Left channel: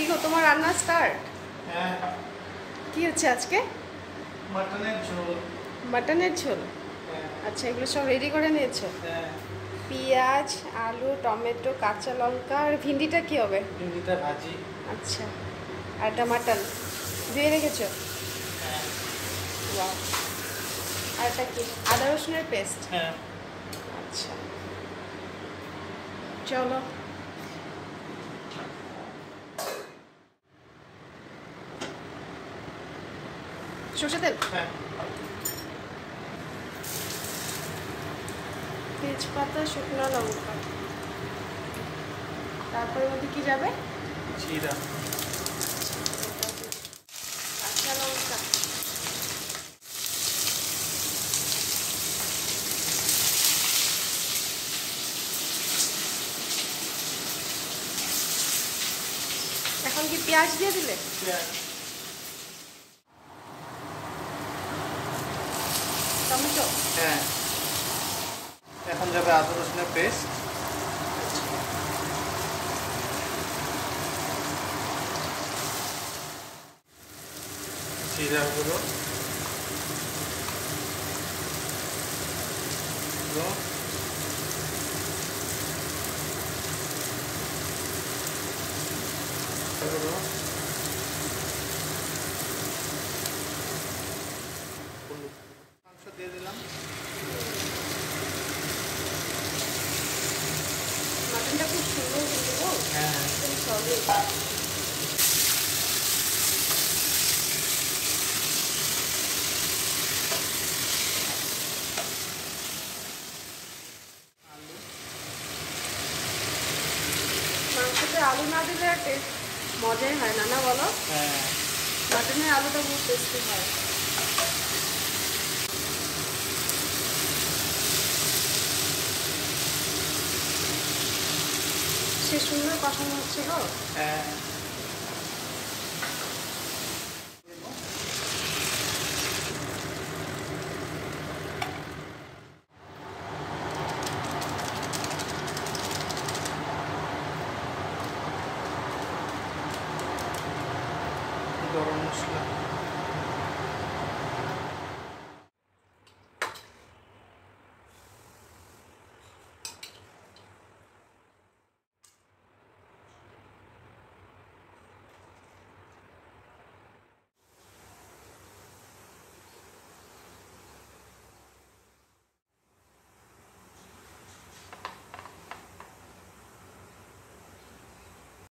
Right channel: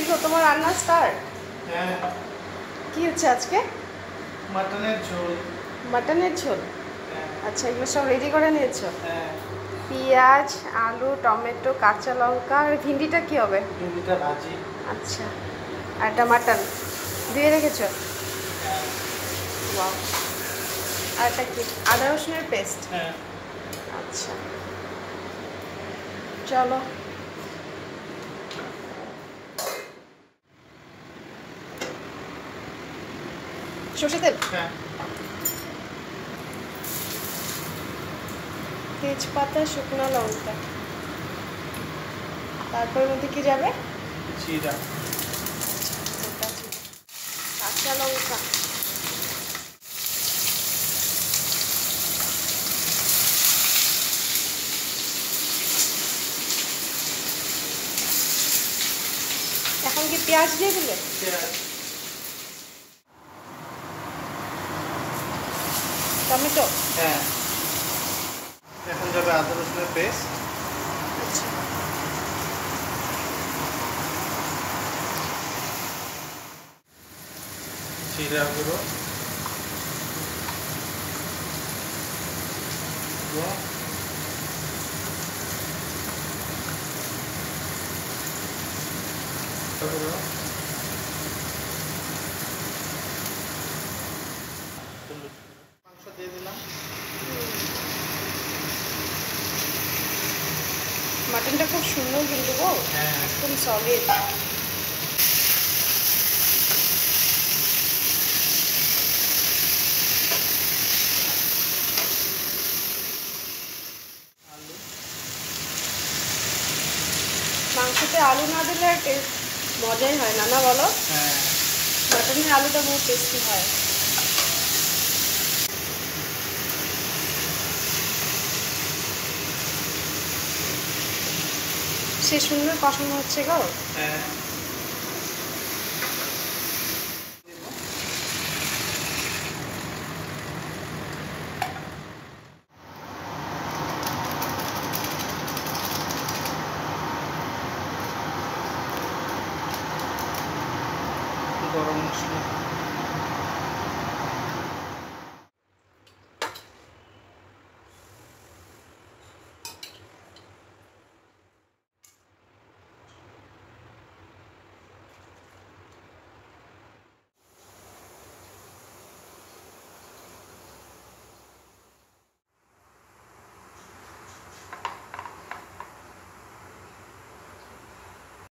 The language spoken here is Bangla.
কি গো তোমার রান্না স্টার্ট? হ্যাঁ। কি হচ্ছে আজকে? মাটনের ঝোল। মাটনের ঝোল? হ্যাঁ। আচ্ছা, এগুলো সব রেডি করে নিয়েছো? হ্যাঁ। পেঁয়াজ, আলু, টমেটো, কাঁচা লঙ্কা আর ভিন্ডিটা কি হবে? ভিন্ডিটা ভাজি। আচ্ছা, আর একটা মাটন দিয়ে রেখেছো? হ্যাঁ। ওয়াও। আর এটা কি? আদা রসুনের পেস্ট? হ্যাঁ। আচ্ছা, চলো। সর্ষে তেল, হ্যাঁ। তেজপাতা, শুকনো লঙ্কা, তারপরের মধ্যে কি যাবে? জিরা। কাঁচা লঙ্কা, এখন কি পেঁয়াজ দিয়ে দিলে? পেঁয়াজ। টমেটো? হ্যাঁ। এখন যাবে আদা রসুনের পেস্ট। আচ্ছা, জিরা গুঁড়ো। মাংস দিয়ে দিলাম। মাটনটা খুব সুন্দর কিন্তু গো, হ্যাঁ। একদম সলিড। আলু। মাংসতে আলু না দিলে আর টেস্ট মজাই হয় না, না বলো? হ্যাঁ। মাটনের আলুটা বহুত টেস্টি হয়। সে সুন্দর কষানো হচ্ছে গো। হ্যাঁ। গরম মশলা।